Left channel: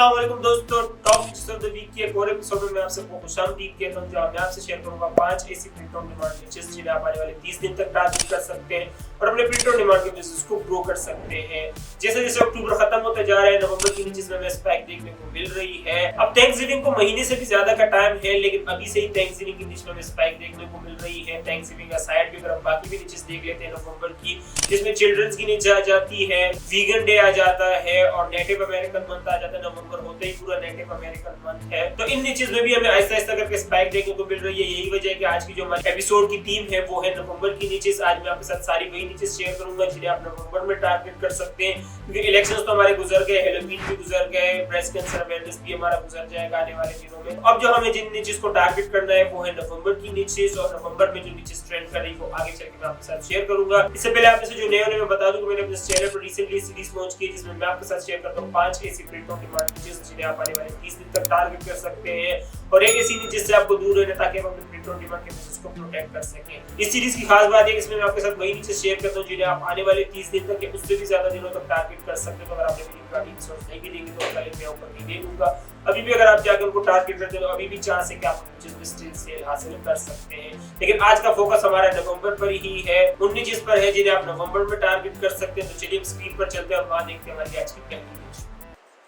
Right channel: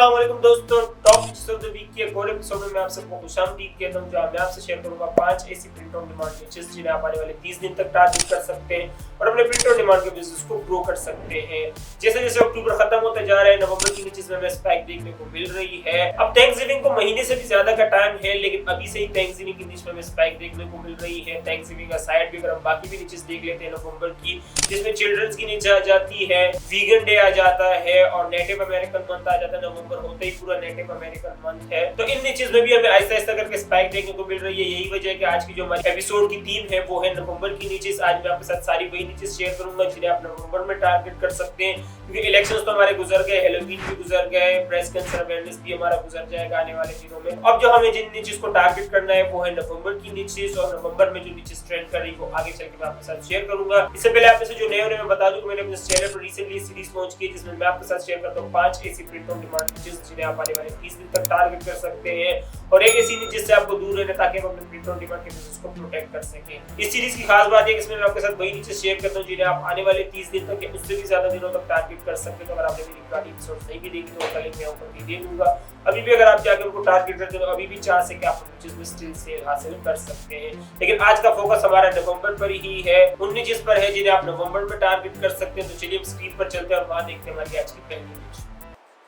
अस्सलाम वालेकुम दोस्तों, top tips of the week के एक और एपिसोड में मैं आप सबको खुशामदीद कहता हूं जहां मैं आपसे शेयर करूंगा 5 ऐसी प्रिंट ऑन डिमांड निचेस जिन्हें आप आने वाले 30 दिन तक टारगेट कर सकते हैं और अपने प्रिंट ऑन डिमांड के बिजनेस को ग्रो कर सकते हैं। जैसे जैसे अक्टूबर खत्म होता जा रहा है, नवंबर की निचेस में स्पाइक देखने को मिल रही है। अब थैंक्सगिविंग को महीने से भी ज्यादा का टाइम है, लेकिन अभी से ही थैंक्सगिविंग की निचेस में स्पाइक देखने को मिल रही है। थैंक्सगिविंग का साइड भी अगर हम बाकी भी निचेस देख लेते हैं नवंबर की, जिसमें चिल्ड्रंस की नीचे आ जाती है, वीगन डे आ जाता है और नेटिव अमेरिकन मंथ आ जाता है। नवंबर होते ही पूरा नेटिव अमेरिकन मंथ है, तो इन नीचेस में भी हमें आहिस्ता आहिस्ता करके स्पाइक देखने को मिल रही है। यही वजह है कि आज की जो हमारी एपिसोड की थीम है वो है नवंबर की नीचेस। आज मैं आपके साथ सारी वही नीचेस शेयर करूंगा जिन्हें आप नवंबर में टारगेट कर सकते हैं, क्योंकि इलेक्शंस तो हमारे गुजर गए, हैलोवीन भी गुजर गए, ब्रेस्ट कैंसर अवेयरनेस भी हमारा गुजर जाएगा आने वाले दिनों में। अब जो हमें जिन नीचेस को टारगेट करना है वो है नवंबर की नीचेस, और नवंबर में जो नीचेस ट्रेंड कर रही है वो आगे चल के मैं आपके साथ शेयर करूंगा। इससे पहले आप में से जो नए होने मैं बता दूं कि मैंने अपने चैनल पर रिसेंटली सीरीज लॉन्च की, जिसमें मैं आपके साथ शेयर करता हूं 5 ऐसी प्रिंट ऑन डिमांड नीचेस जिन्हें आप आने वाले 30 दिन तक टारगेट कर सकते हैं, और एक ऐसी नीचे से आपको दूर रहना ताकि आप अपने प्रिंट ऑन डिमांड के बिजनेस को प्रोटेक्ट कर सकें। इस सीरीज की खास बात है कि इसमें मैं आपके साथ वही नीचे शेयर करता हूं जिन्हें आप आने वाले 30 दिन तक या उससे भी ज्यादा दिनों तक टारगेट कर सकते हैं। तो अगर आपने मेरी पुरानी एपिसोड नहीं भी देखी तो उसका लिंक मैं ऊपर भी दे दूंगा। अभी भी अगर आप जाकर उनको टारगेट करते हो, अभी भी चांस है कि आप सेल हासिल कर सकते हैं। लेकिन आज का फोकस हमारा नवंबर पर ही है, उन नीचेस पर है जिन्हें आप नवंबर में टारगेट कर सकते हैं। तो चलिए स्क्रीन पर चलते हैं और वहां देखते हैं हमारी आज की पहली नीचे।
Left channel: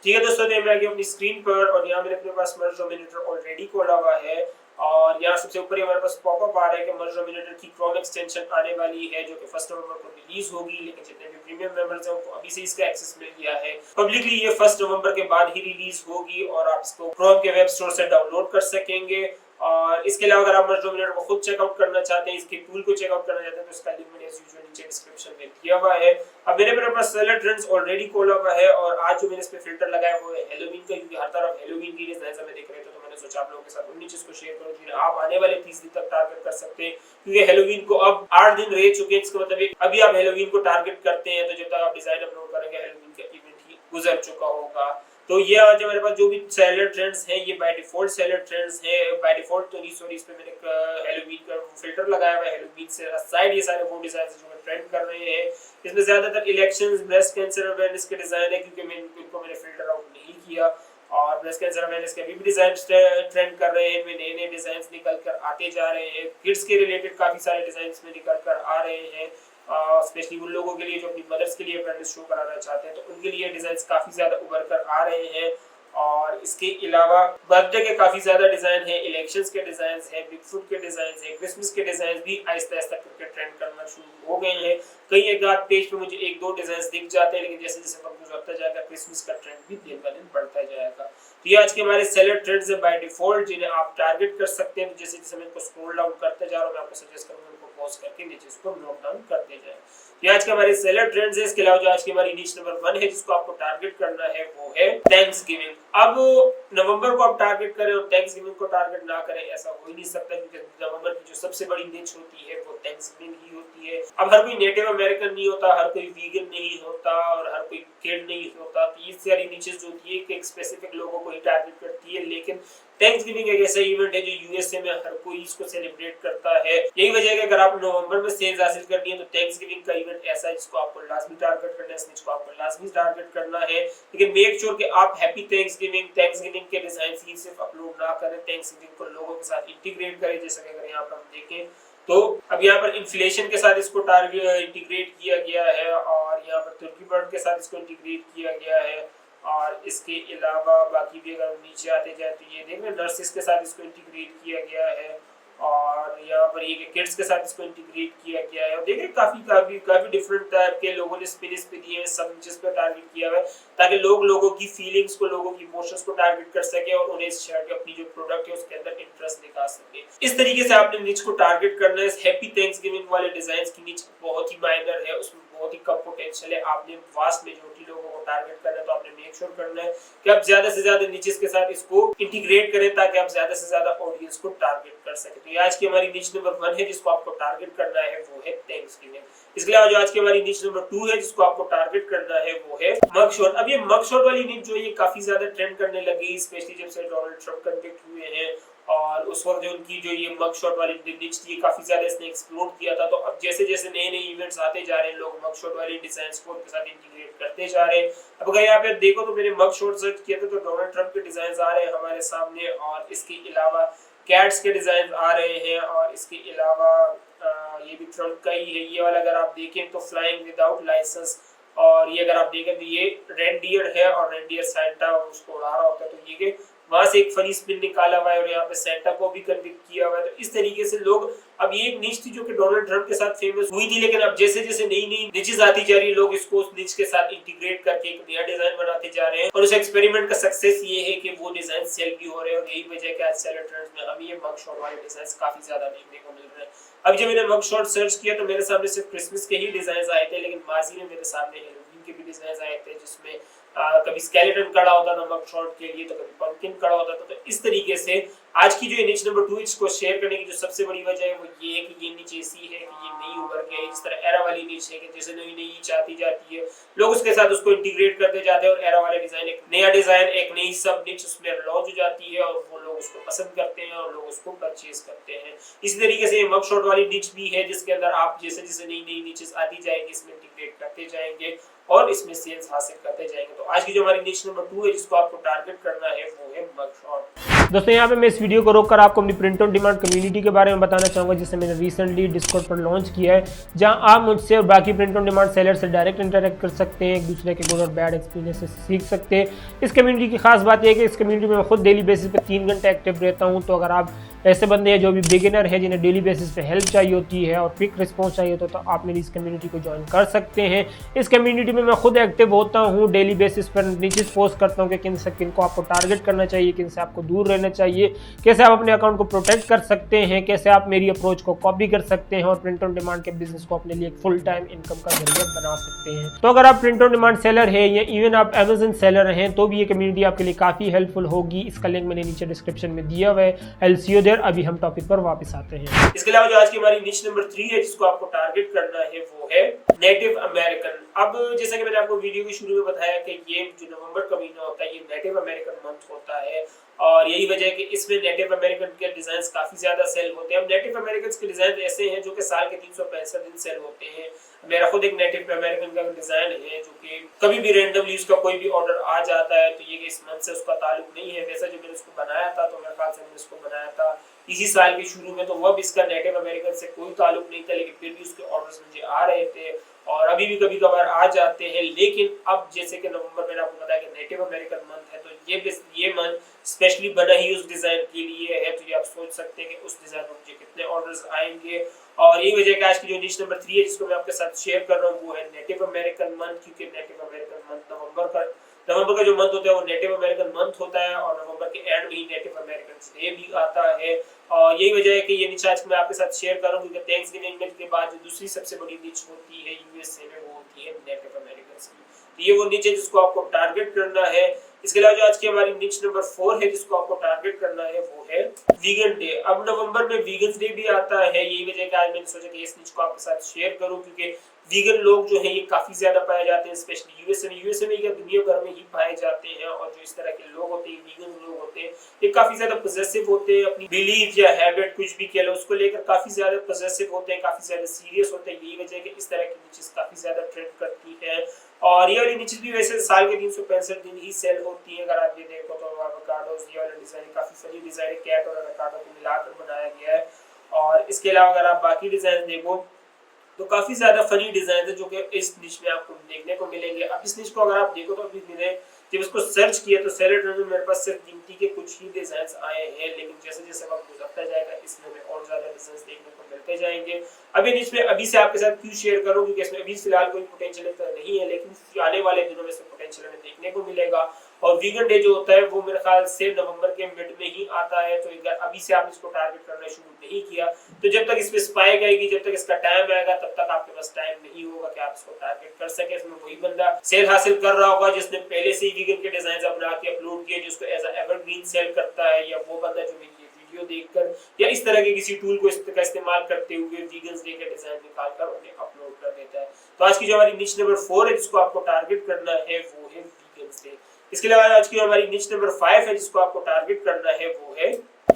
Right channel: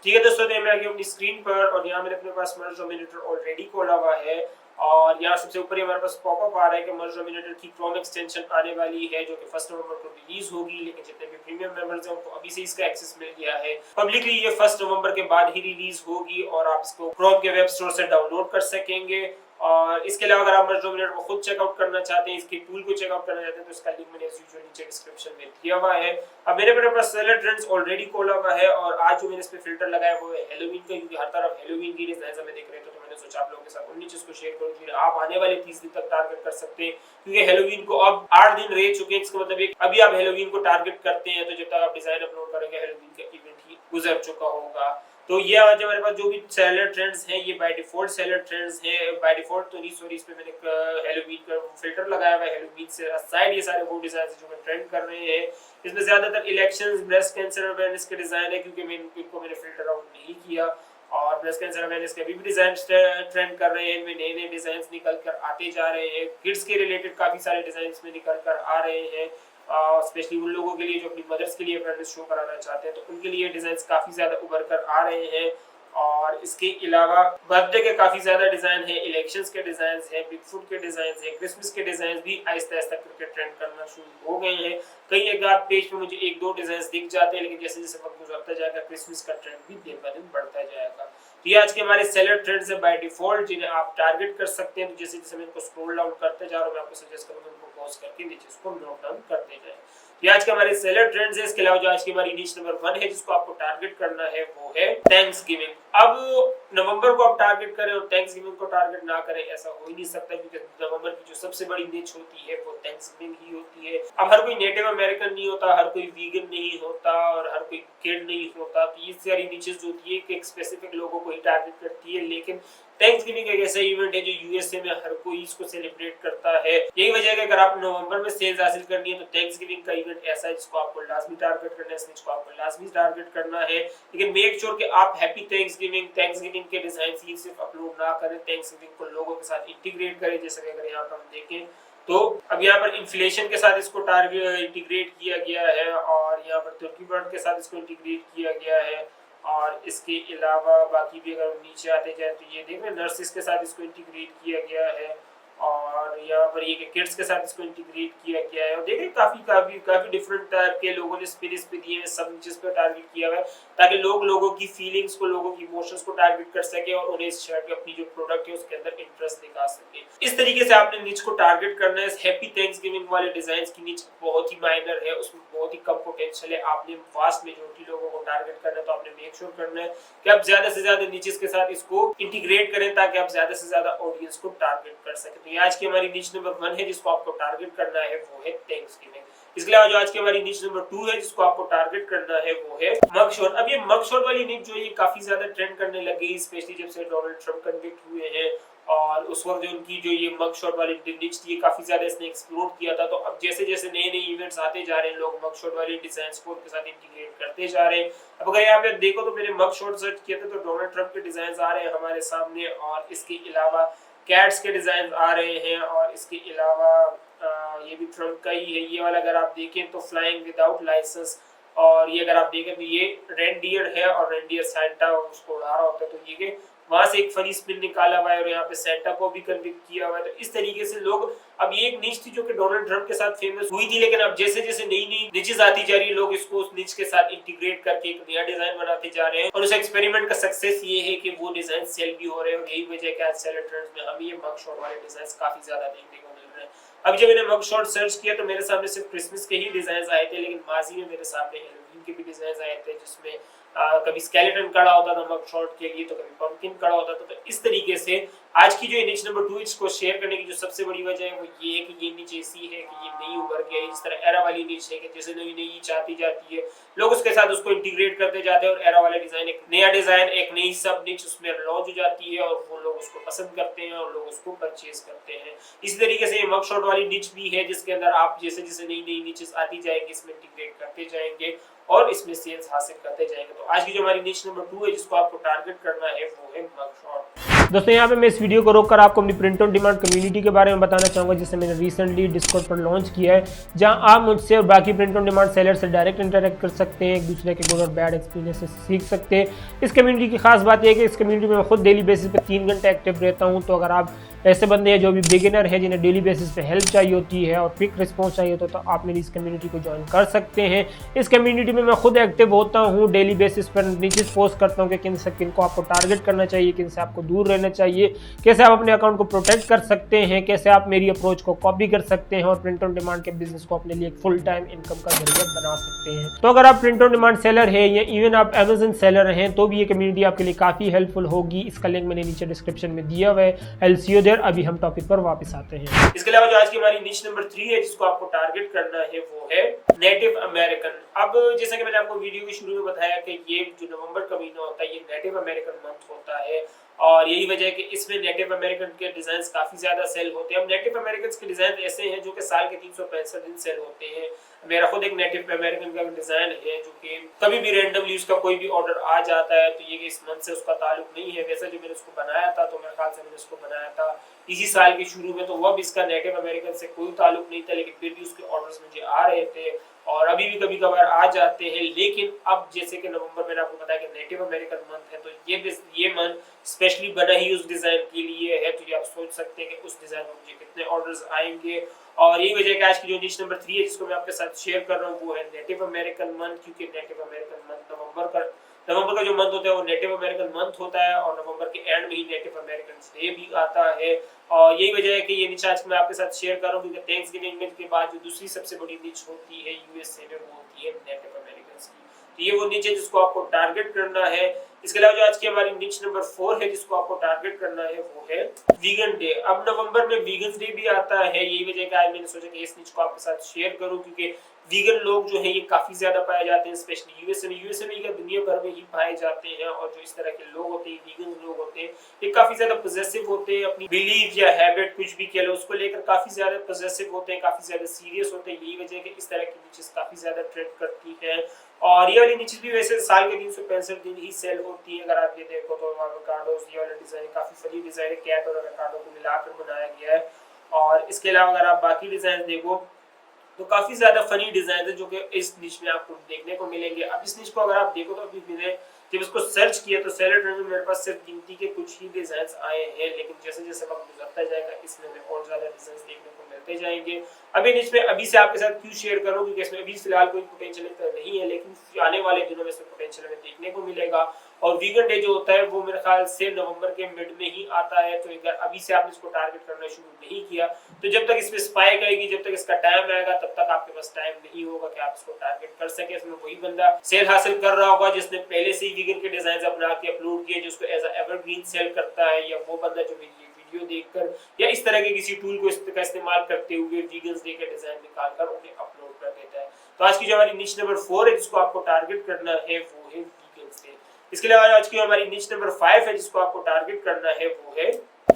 ठीक है दोस्तों, मैं आ गया अपनी स्क्रीन पर और यहाँ मैंने अपने पास मर्ज डोमिनेटर ऑलरेडी खोला हुआ है, और यहाँ सबसे ऊपर ही हमारे पास पॉपअप आ रहा है कि मर्ज डोमिनेटर की क्रोम एक्सटेंशन आने वाली है जो कि 1 नवंबर को रिलीज होगी। लेकिन जितने भी प्रीमियम मेंबर्स हैं उनको अभी से इसका एक्सेस मिल गया है। पब्लिकली ये 1 नवंबर के बाद ही रिलीज होगी और आप इसको क्रोम के वेब स्टोर से डाउनलोड कर सकेंगे। और इसके अलावा अगर आप मर्ज डोमिनेटर को खुद चेकआउट करना चाहते हैं, इसके टूल को चेकआउट करना चाहते हैं, तो इसका लिंक मैंने एज यूजुअल नीचे डिस्क्रिप्शन में दिया हुआ है। अब मेरे पास सेलर ट्रेंड्स ऑलरेडी खोला हुआ है, और आज जो मैंने इस पे फिल्टर लगाया वो है हैलोवीन का, क्योंकि हर तरफ हैलोवीन की डिजाइंस हमें दिख रहे थे, तो मैंने सोचा आप लोगों के साथ उन नीचेस को शेयर करूं जिन्हें आप आने वाले 30 दिन तक टारगेट कर सकते हैं। क्योंकि हैलोवीन को अब 8 दिन रह चुके हैं, इसका मतलब एक अभी आप हैलोवीन को टारगेट करते हैं तो जब तक आप डिजाइन अपलोड करेंगे हैलोवीन का इवेंट ही गुजर चुका होगा। तो ये आज हमारे पास जो भी सेलर ट्रेंड्स हैं ये बाय डिफॉल्ट सेलर ट्रेंड्स हैं। बाय डिफॉल्ट तो नहीं, सॉरी, इस पे मैंने हैलोवीन का फिल्टर लगाया हुआ है। हैलोवीन से साइड ये सारे वो डिजाइन जो मैं ट्रेंड कर रहे हैं, इसमें ज्यादातर इलेक्शंस, ब्रेस्ट कैंसर अवेयरनेस के डिजाइन है, क्योंकि मैंने फिल्टर आउट नहीं किया। और ब्रेस्ट कैंसर अवेयरनेस के अभी भी डिजाइन ट्रेंड कर रहे हैं, इनमें नए नए डिजाइन निकल कर आते जा रहे हैं। किड्स के रिलेटेड काफी सारे डिजाइन में निकल कर आ रहे हैं, स्पेशली उन लोगों के लिए जो अपनी मदर्स के लिए अवेयरनेस शो कराना चाहते हैं, तो उनके लिए डिजाइन काफी ज्यादा उभर कर आ रहे हैं। और इसके अलावा बर्थडे के काफी ज्यादा डिजाइन है, इलेक्शंस के डिजाइन है, बिग फुट के डिजाइन है, क्रिसमस के डिजाइन भी आहिस्ता आहिस्ता करके ट्रेंड करना शुरू हो गए हैं। कई एक आध पेज पे मुझे 1-2 डिजाइन दिख जाते हैं, लेकिन जैसे जैसे वक्त गुजरता जाएगा क्रिसमस का ट्रेंड भी दिन ब दिन बढ़ता जाएगा। तो ये आज के हमारे सेलर ट्रेंड्स है बाय डिफॉल्ट जिन्हें आप टारगेट कर सकते हैं। तो जैसे जैसे मैं इनको स्क्रॉल डाउन करते जा रहा हूं, मैं आपको सजेस्ट करूंगा इनको पॉज करके नीचे इसको नोट डाउन करते जाएं। ये आज के हमारे सेलर ट्रेंड्स है। इसके अलावा जो आज की हमारी नीच नंबर 1 है जिसको आपको टारगेट करना है वो है थैंक्सगिविंग। अब नवंबर को आप टारगेट करें और थैंक्सगिविंग को टारगेट ना करें, ऐसा हो ही नहीं सकता, क्योंकि नवंबर की जो सबसे बड़ी नीच होती है वो थैंक्सगिविंग ही होती है। अब हर कोई नेटिव अमेरिकन नहीं होता, हर कोई वीगन नहीं होता और हर कोई किड नहीं होता, तो ये सारी नीचेस जो होती है कि एक स्पेसिफिक लोगों को ही टारगेट करती है। लेकिन थैंक्सगिविंग एक ऐसा इवेंट है जो यूएसए में हर कोई इसको सेलिब्रेट करता है। यही वजह है कि अगर आप नवंबर में सेल्स हासिल करनी है तो थैंक्सगिविंग का इवेंट ऐसा है जिसको आपको लाजमी टारगेट करना है, इसको आपको लाजमी टारगेट करना है। लेकिन मेक श्योर कि आप हैप्पी थैंक्सगिविंग के डिजाइन ही सिर्फ अपलोड ना करें, थैंक्सगिविंग को लोगों के साथ इंटीग्रेट करें। जैसे कि अगर यहाँ पर हम देखें तो अब यहाँ पर इन्फ्लेशन के साथ इसको टारगेट इंटीग्रेट किया गया है, और यहाँ पर तुर्की बर्ड के साथ इसको इंटीग्रेट किया गया है। और इसके अलावा बाकी भी अगर हम नीचे आते जाए तो ये देख रहे हैं नर्सिस के साथ इसको इंटीग्रेट किया गया है, और यहाँ पर ये किड्स के साथ इसको इंटीग्रेट किया गया है। और देख रहे हैं काफी डिफरेंट टाइप के लोगों ने स्पिन इस पे दिए हैं, सब जिस पे टारगेट किया हुआ है, ताकि लोगों की फीलिंग्स को, लोगों की इमोशंस को टारगेट कर सके और उन्हें इस शेयर के अपनी जो प्रोडक्ट है उसके अंदर इंटरेस्ट दिखा सके। इस तरीके से आपने नीच को टारगेट करना है। हैप्पी थैंक्सगिविंग वाले डिजाइन की नीच बहुत ही माइनर है, उसमें बहुत ही कम पोटेंशियल है। आपने वास्ट मेजॉरिटी लोगों को टारगेट करना है, तो आपने मेक श्योर करना है कि आप ज्यादा से ज्यादा नीचेस के साथ इसको इंटीग्रेट करें ताकि आप ज्यादा से ज्यादा ऑडियंस को टारगेट कर सकें। तो ये आज की हमारी नीच नंबर 1 है जिसको आपको टारगेट करना है वो है थैंक्सगिविंग। इसके अलावा जो आज की हमारी निच नंबर 2 है जिसको आपको टारगेट करना है वो है मग शॉट। अब ये मग शॉट वाली निच जो है ये काफी ज्यादा ट्रेंड करने लगी, स्पेशली जब से डोनाल्ड ट्रंप कन्विक्ट हुए हैं और उस वक्त जो उनकी जो ये मग शॉट वाली निच थी काफी ज्यादा इसने एक्सप्लोर किया था। तो अब जैसे जैसे नए नए इवेंट्स आते जा रहे हैं लोग मग शॉट वाली डिजाइन को उनके साथ इंटीग्रेट करते जा रहे हैं। अब अगर यहाँ पे देखो तो मैंने मग शॉट सर्च किया था तो डोनाल्ड ट्रंप के डिजाइन आ रहे हैं हमारे सामने, और इसके अलावा कैट्स के डिजाइन आ रहे हैं, और इसके अलावा ये भी ट्रंप का ही है। ये वाला अगर आप देखें तो फ्लाइंग विदाउट लाइसेंस, और ये अगर आप देखें तो ये रेनडियर है और रेनडियर सैंटा उसको उड़ा रहा होता है। तो ये वहां से एक फनी स्पिन निकाला हुआ है और यहाँ पे सेंटा को भी कन्विक्ट किया हुआ है। तो इस तरीके से लोग, अब ये एक निच थी जो कि डोनाल्ड ट्रंप के साथ फेमस हुई थी, लेकिन अब जैसे जैसे नई नई निचेस आती जा रही है लोग इसको उस निच के साथ इंटीग्रेट करके एक नया डिजाइन बनाते जा रहे हैं। और उस एक्सपेरिमेंट का सक्सेस ये है कि वो डिजाइन सेल भी हो रहे हैं, और यही वजह है कि आज सेलर ट्रेंड्स में हमें ये मग शॉट वाले डिजाइन काफी ज्यादा देखने को मिल रहे हैं। अब जब मैंने मग शॉट सर्च किया तो मेरे सामने सिर्फ क्रिसमस के ही डिजाइन आए थे, लेकिन माजी में मेरे सामने हेलोवीन के भी डिजाइन आए थे जिसमें कभी स्केलेटन खड़ा होता था मग शॉट के लिए, तो कभी पंपकिन खड़ा होता था। तो इस तरीके से आज की जो निच नंबर 2 इसको शेयर करने की जो सबसे बड़ी वजह है वो ये है कि ये निच ऐसी है कि ये नई उभर के इस तरह एरा वाली निच है कि जैसे नई नई निच आती जाती है लोग उसके साथ उसको इंटीग्रेट करते जाते हैं, और एरा वाला डिजाइन एक नया डिजाइन एक नई सब निच उसमें लॉन्च हो जाती है और वो लोग उसको पसंद करते हैं और लोग उसको परचेज करते हैं। इसी तरीके से ये मग शॉट वाली निच भी है जिसके अंदर आप जैसे जैसे नई नई निचेस आती जाएंगी इसमें इंटीग्रेट करते जाएंगे और इसमें सेल्स हासिल करते जाएंगे। तो आज की जो हमारी निच नंबर 2 है जिसको आपको टारगेट करना है वो है मग शॉट। दोस्तों यहाँ पे मैं इस वीडियो को रोककर आपको अपनी प्रिंट ऑन डिमांड कम्युनिटी के बारे में बताना चाहूँगा जिसे मैंने रिसेंटली डिस्कॉर्ड पर लॉन्च किया है, जहाँ आप मुझसे और बाकी प्रिंट ऑन डिमांड सेलर से डायरेक्ट इंटरेक्ट कर सकते हैं, एक दूसरे के गुड और बैड एक्सपीरियंस से सीख सकते हैं। इस कम्युनिटी की खास बात यह है कि इस कम्युनिटी में मैं खुद डेली बेसिस पे 3 घंटे एक्टिव रहता हूँ। तो अगर आप ऐसे बंदे हैं जो भी बिगिनर है जिन्हें डेली बेसिस पे हेल्प चाहिए होती है और क्विक रिस्पॉन्स चाहिए होता है तो आप मेरी इस कम्युनिटी को ज्वाइन कर सकते हैं। इस कम्युनिटी में मैं खुद एक्टिव होता हूँ, डेली बेसिस पर नीचे पोस्ट करता हूँ कि किन से किन को आपको टारगेट करना चाहिए, किन से आपको दूर रहना चाहिए, कैसे आप अपने अकाउंट को प्रोटेक्ट कर सकते हैं, कैसे आप मेरी अप्रोच को कॉपी कर सकते हैं और प्रिंट ऑन डिमांड के बिजनेस को अपने लिए एक फुल टाइम इनकम का जरिया बना सकते हैं। तो अगर आप प्रिंट ऑन डिमांड सेलर है या इवन आप अमेज़न सेलर हैं तो भी ये कम्युनिटी आपके लिए काफी हेल्पफुल होगी। इसका लिंक मैंने नीचे डिस्क्रिप्शन में दिया हुआ है। I will see you there. अभी हम टॉपिक पर वापस आते हैं। इसके अलावा जो आज की हमारी निच नंबर 3 है जिसको आपको टारगेट करना है वो है नेटिव अमेरिकन। अब जैसा कि मैंने आपको वीडियो के शुरू में बताया कि ये जो नवंबर का महीना होता है ये नेटिव अमेरिकन मंथ होता है, और यही वजह है कि इसमें नेटिव अमेरिकन के डिजाइन्स काफी ज्यादा सेल होते हैं। अब नेटिव अमेरिकन के डिजाइन ऐसे हैं जो कि साल के 365 दिन सेल होते हैं। मेरा खुद एक नेटिव अमेरिकन का डिजाइन है जो कि कभी भी रैंडमली उसका कोई भी ऑर्डर आ जाता है तो ये कि इस मंथ से उसका ताल्लुक नहीं है। वैसे जो मैंने उसको बनाया था तो मेरे ख्याल से मैंने उसको बनाया था इसी साल के शुरू में, तो वह भी इसका नेटिव अमेरिकन से कोई ताल्लुक नहीं था, लेकिन फिर भी उसके ऑर्डर्स मुझे आ रहे थे और अभी भी कभी कभार आ जाते हैं। लेकिन अब जैसे कि नवंबर मैंने आपको बताया कि नेटिव अमेरिकन मंथ है तो ये मंथ स्पेशली बना ही उस डिजाइन के लिए है। तो ये आप सोच सकते हैं कि उस डिजाइन में मुझे कितने ऑर्डर्स आएंगे, और यही वजह है कि आज की जो निच नंबर 3 है जिसको मैं आपके साथ शेयर कर रहा हूँ वो है नेटिव अमेरिकन मंथ, क्योंकि नेटिव अमेरिकन मंथ नवंबर का जो मंथ होता है वो नेटिव अमेरिकन मंथ होता है और नवंबर के एंड में ही नेटिव अमेरिकन डे भी आता है। और यही वजह है कि ये निच आज मैं आपके साथ शेयर कर रहा हूँ क्योंकि थैंक्सगिविंग के बाद जो दूसरी सबसे बड़ी निच होती है यूएसए में वो होती है नेटिव अमेरिकन की। तो ये वो निच है जिसको आपको टारगेट करना है। इसके अलावा जो आज की हमारी निच नंबर 4 है जिसको आपको टारगेट करना है वो है वीगन डे। अब नवंबर में वीगन डे भी आता है, यही वजह है आज मैंने सोचा कि इस निच को आपके साथ शेयर करूं क्योंकि वीगन लोग जो है ये काफी ज्यादा पाए जाते हैं, स्पेशली यूएसए में या दुनिया भर में ही पाए जाते हैं। और जो इस तरह के लोग होते हैं वीगन लोग होते हैं ये काफी ज्यादा पॉजिटिव होते हैं, अपनी बिलीफ या हैबिट कुछ भी कह लो उसको लेकर काफी ज्यादा पॉजिटिव होते हैं, काफी ज्यादा सीरियस होते हैं। यही वजह है कि इस तरह की निचेस काफी ज्यादा ट्रेंड करती है। और ये वाली निचेस भी वैसे साल के 365 दिन ही सेल होती है। अगर आप ये देखो तो एवोकाडोस ये वाला डिजाइन काफी फनी डिजाइन है, कैट और एवोकाडो को मिलाकर बनाया गया है। और इसके अलावा अगर आप बाकी डिजाइन देखो तो काफी ज्यादा फनी डिजाइन है जो कि इस निच में आपको देखने को मिलेंगे। अब इस निच को अगर आप देखो तो अभी मैंने जब इसको सर्च किया तो सेलर ट्रेंड में मेरे पास सिर्फ गिनती के कुछ ही डिजाइन आए हैं, लेकिन जैसे जैसे वक्त गुजरता जाएगा इसमें हमें और ज्यादा डिजाइन देखने को मिलते जाएंगे। अभी निच में अभी से आपके साथ क्यों शेयर करूं क्योंकि इसमें अभी फिलहाल कोई पोटेंशियल नहीं है, लेकिन आने वाले दिनों में इसमें पोटेंशियल हमें देखने को मिलेगा। और वीगन डे जो होता है वो मेरे ख्याल से नवंबर के मिड में ही आता है। तो अगर अभी से आपने इसको टारगेट करना शुरू नहीं किया तो जब तक इसमें स्पाइक आएगी, जब तक इसका टाइम आएगा तब तक आपके पास टाइम नहीं होगा कि आप इसको टारगेट कर सके। इसमें वही बंदा सेल हासिल कर रहा होगा जिसने पहले से ही वीगन के डिजाइन बना के अपलोड किए जिसको एज अ एवरग्रीन सेल करता है, या वो बंदा जो वीडियो देखकर या इस तरह के किसी टूल को का इस्तेमाल करते हुए वीगन्स डे के डिजाइन निकालकर उन्हें अपलोड कर देता है। तो आज की जो हमारी निच नंबर 4 है जिसको आपको टारगेट करना है वो है वीगन्स डे। इसके अलावा आज की हमारी निच नंबर 5 है जिसको आपको टारगेट करना है वो है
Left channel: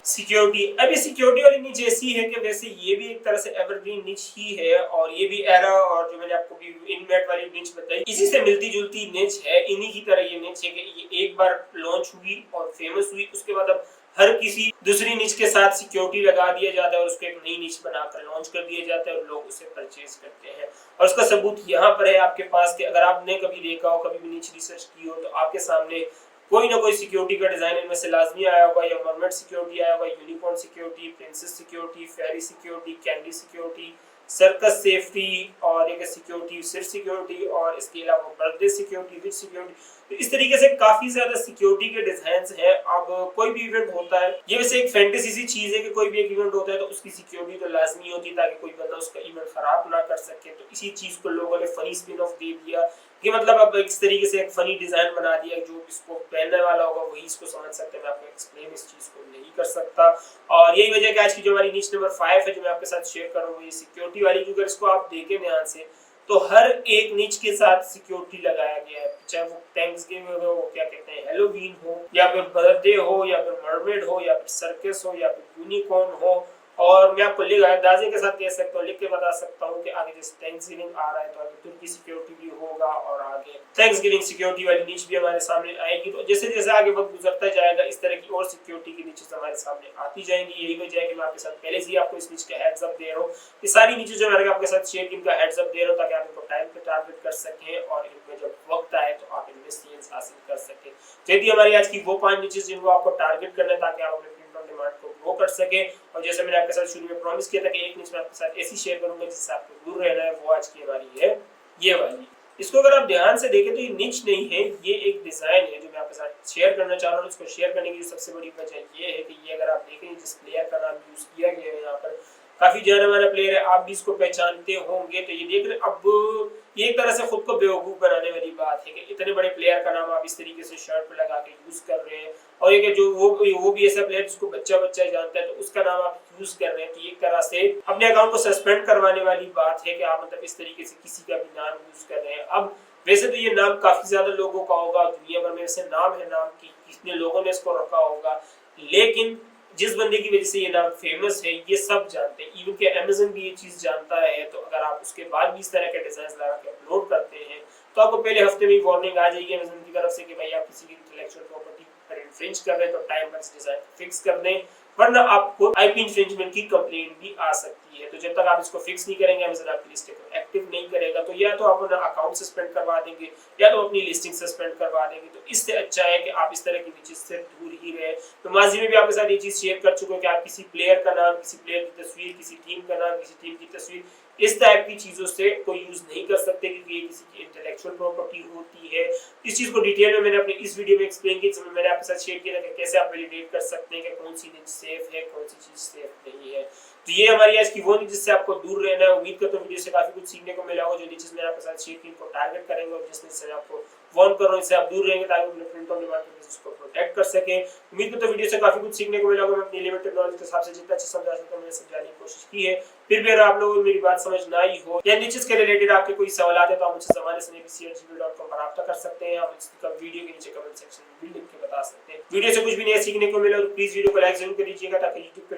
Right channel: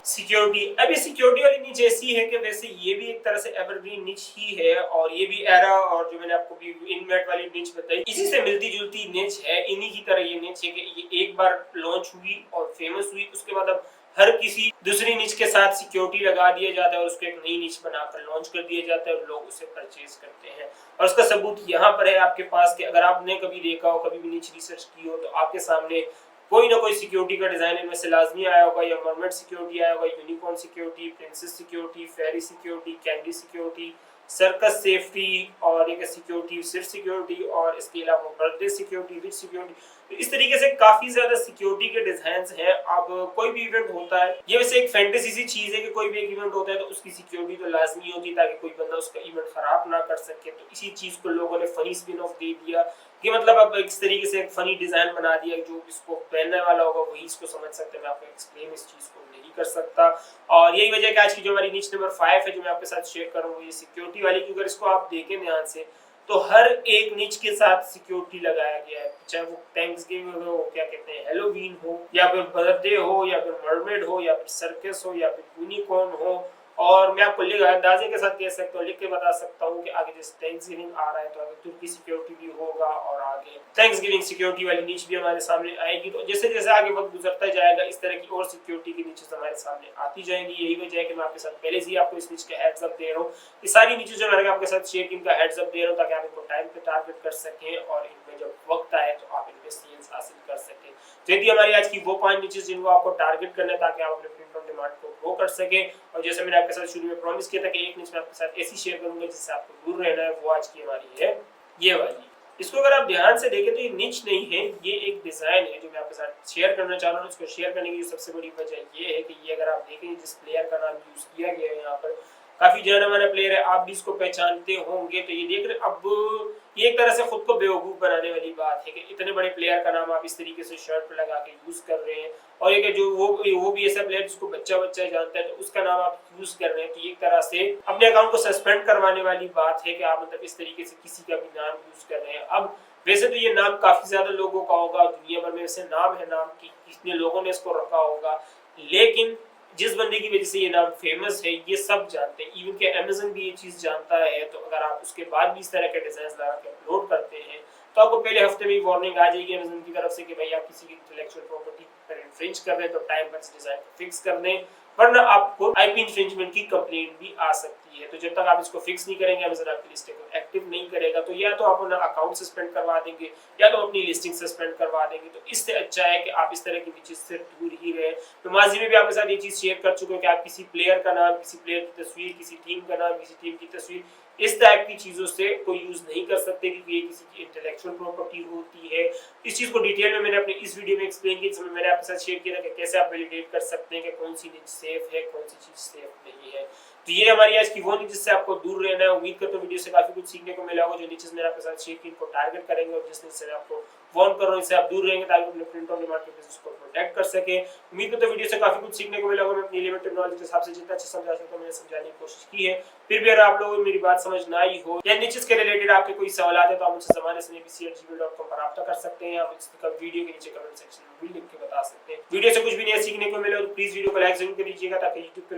सिक्योरिटी। अब ये सिक्योरिटी वाली निच ऐसी है कि वैसे ये भी एक तरह से एवरग्रीन निच ही है और ये भी एरा और जो मैंने आपको इनमेट वाली निच बताई इसी से मिलती जुलती निच है। इन्हीं की तरह ये निच है कि ये एक बार लॉन्च हुई और फेमस हुई, उसके बाद अब हर किसी दूसरी निच के साथ सिक्योरिटी लगा दिया जाता है और उसको एक नई निच बनाकर लॉन्च कर दिया जाता है और लोग उसे परचेज करते हैं। और उसका सबूत यहाँ पर है आपके पास कि अगर आपने कभी देखा हो, कभी भी निच रिसर्च की हो, तो आपके सामने कोई ना कोई सिक्योरिटी का डिजाइन इनमें से लाजमी आया होगा। या मरमेड सिक्योरिटी आया होगा, unicorn security, princess security, fairy security, candy security, circus safety और एक सिक्योरिटी सिर्फ सिक्योरिटी और इसके अलावा बर्थडे सिक्योरिटी, विच सिक्योरिटी। तो इस तरीके से काफी ज्यादा सिक्योरिटी के डिजाइन्स हैं। अब कोई भी इवेंट होता है, ये वैसे एक फैंटेसी सी चीज है कि कोई भी एक इवेंट होता है तो उसकी सिक्योरिटी तो लाजमी होती है ताकि कोई बंदा उसका इवेंट खराब ना कर सके। तो इसी चीज को लोगों ने फनी स्पिन ऑफ दे दिया कि मतलब अब इस तरीके से एक फनी डिजाइन बना दिया, जो इसको पहनने वाला होगा वही इसको समझ सकते हैं। मैं आपको एक्सप्लेन इस चीज को नहीं कर सकता और यही वजह है कि आज की जो हमारी निच नंबर 5 है जो मैं आपके साथ शेयर कर रहा हूँ ये सिक्योरिटी वाली, क्योंकि इसको आप देखें ध्यान से तो हर एक निच के साथ सिक्योरिटी लगाया गया है, चाहे वो थैंक्सगिविंग हो, क्या कहते हैं हैलोवीन हो, या फिर बर्थडे हो, या फिर मरमेड हो, या फिर सर्कस हो, या फिर यूनिकॉर्न हो। और मैं आपको अंदाजे के साथ कह सकता हूँ, लिख के बता सकता हूँ कि आगे जैसे थैंक्सगिविंग आ रहा है तो आगे तुर्की सिक्योरिटी भी होगा और आगे थैंक्सगिविंग सिक्योरिटी वाली निच भी हमारे सामने आएगी। तो जैसे जैसे आगे वक्त गुजरता जाएगा इस तरह की और सिक्योरिटी की निचेस हमारे सामने आती जाएंगी। यही वजह है कि मैं आपके साथ पहले से ही आपको इस निच का हेड्स अप दे रहा हूँ। ये सारी निचेस जो मैंने आपके साथ शेयर की इनका हेड्स अप दे रहा हूँ ताकि आप इनको टाइम पे टारगेट कर सकें और इनमें जब वक्त आए तो आप इनमें सेल्स हासिल कर सकें। तो ये हमारी आज की वो 5 निचेस जिनको आपको टारगेट करना है ताकि आप अपने प्रिंट ऑन डिमांड को ग्रो कर सके। और जैसे मैंने आपके साथ शुरू में प्रॉमिस किया था कि एक निच में आपके साथ ऐसी शेयर करूंगा जिससे आपको दूर रहना है, वो आज की हमारी है ये वाली। इसको अगर आप ध्यान से देखें तो ये निच नहीं है, ये एक डिजाइन है जो मैं आपके साथ शेयर करना चाह रहा हूँ। इसको शेयर करने की सबसे बड़ी वजह ये है कि ये अगर आप देखें जिस प्लेयर का नाम यूज किया गया है यहाँ पर काफी जाना माना प्लेयर है, आप भी इसको पहचानते होंगे। तो ये देख रहे अब ये एक तरह से खुद को बेवकूफ बनाने वाली बात है कि इतने बड़े प्लेयर का नाम आप इस तरीके से शर्ट पे लगा के यूज कर रहे हैं और ये जो वो भी ऐसा प्लेयर जिसको बच्चा जानता है तो उसका नाम आप यूज कर रहे हैं। तो एक तरह से अपने अकाउंट को सस्पेंड करवाने वाली बात है कि आप मतलब इस तरीके से किसी का भी नाम यूज कर रहे हैं। अब वैसे तो ये नाम काफी ज्यादा लोगों का होगा, दुनिया भर में ऐसे नाम है, नाम की कितने लोगों ने इसको रखा होगा, लेकिन जिस बंदे की वजह से ये नाम फेमस है ये सब जानते हैं, इवन के अमेज़न भी ये चीज जानता है। तो अगर आप उसके बाद भी इस तरह के डिजाइन लगा के अपलोड करते हैं तो आपको पहले हफ्ते में वार्निंग आ जाएगी अमेज़न की तरफ से कि भाई आप किसी की इंटेलेक्चुअल प्रॉपर्टी पर इन्फ्रिंज कर रहे हैं तो टाइम पर इस डिजाइन को फिक्स कर दें, वरना आपको आईपी इन्फ्रिंजमेंट की कंप्लेंट भी आ सकती है। तो जब तक आप इसको फिक्स नहीं करेंगे, अमेज़न आपकी लिस्टिंग को एक्टिव नहीं करेगा, तो या तो आप अपना अकाउंट सस्पेंड करवा देंगे या तो अपनी लिस्टिंग सस्पेंड करवा देंगे। तो इससे अच्छा है कि आप इस तरह की चीज से दूर ही रहे। तो माजी में भी आपके साथ ये चीज शेयर कर चुके हैं कि आप किसी प्लेयर का नाम, किसी प्लेयर की तस्वीर, किसी टीम का नाम, किसी टीम की तस्वीर, इस टाइप की चीजों से कोई यूज नहीं कर सकते क्योंकि ये किसी की इंटेलेक्चुअल प्रॉपर्टी होती है। इस चीज को डिटेल में मैंने अपने इस वीडियो में एक्सप्लेन किया, जिसमें मैंने आपके साथ शेयर किया कि कैसे आप वैलिडेट कर सकते हैं कि कौन सी निच सेफ है, कौन सी चीज सेफ नहीं है। तो ये हमारी आज की वो निच जिससे आपको दूर रहना है। उम्मीद करता हूं वीडियो से काफी कुछ सीखने को मिला होगा। जो निचेस मैंने आपके साथ शेयर की इनको टारगेट करेंगे और जिस निच से आपको वार्न कर रहा हूं इससे आप दूर रहेंगे ताकि अपने प्रिंट ऑन डिमांड के बिजनेस को प्रोटेक्ट कर सके। उम्मीद करता हूं वीडियो से काफी कुछ सीखने को मिला होगा। मैं अपनी लिमिटेड नॉलेज के हिसाब से जितना अच्छा समझा सकता हूं मैंने समझाने की कोशिश की है। फिर भी अगर आप लोगों को मेरी बात समझ ना आई हो या निचेस के रिलेटेड आपके कोई सवाल है तो आप मुझसे ज़माने@abc@gmail.com पर रब्ता कर सकते हैं। आप इसका वीडियो के नीचे कमेंट सेक्शन में भी लिख के बता सकते हैं। वीडियो से कुछ भी नया सीखने को मिले तो प्लीज वीडियो को लाइक जरूर करिएगा ताकि YouTube पे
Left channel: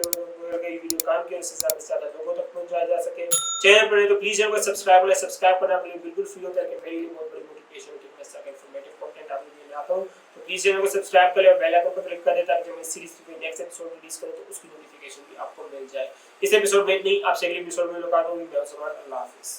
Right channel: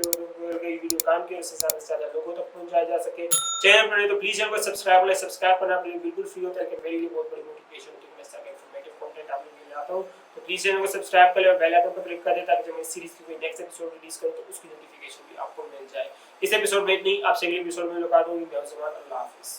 वीडियो काम के उससे ज्यादा से ज्यादा लोगों तक पहुंचाया जा सके। चैनल पर तो प्लीज चैनल को सब्सक्राइब करना आपके लिए बिल्कुल फ्री होता है कि मेरे लिए बहुत बड़ी मोटिवेशन होती है। मैं सके इंफॉर्मेटिव कंटेंट आपके लिए लाता हूं तो प्लीज चैनल को सब्सक्राइब कर ले और बेल आइकन पर क्लिक कर दे ताकि जब मैं सीरीज की नेक्स्ट एपिसोड रिलीज करूं तो उसकी नोटिफिकेशन भी आपको मिल जाए। इस एपिसोड में नहीं, आपसे अगले एपिसोड में मुलाकात होगी। मैं अल्लाह हाफिज़।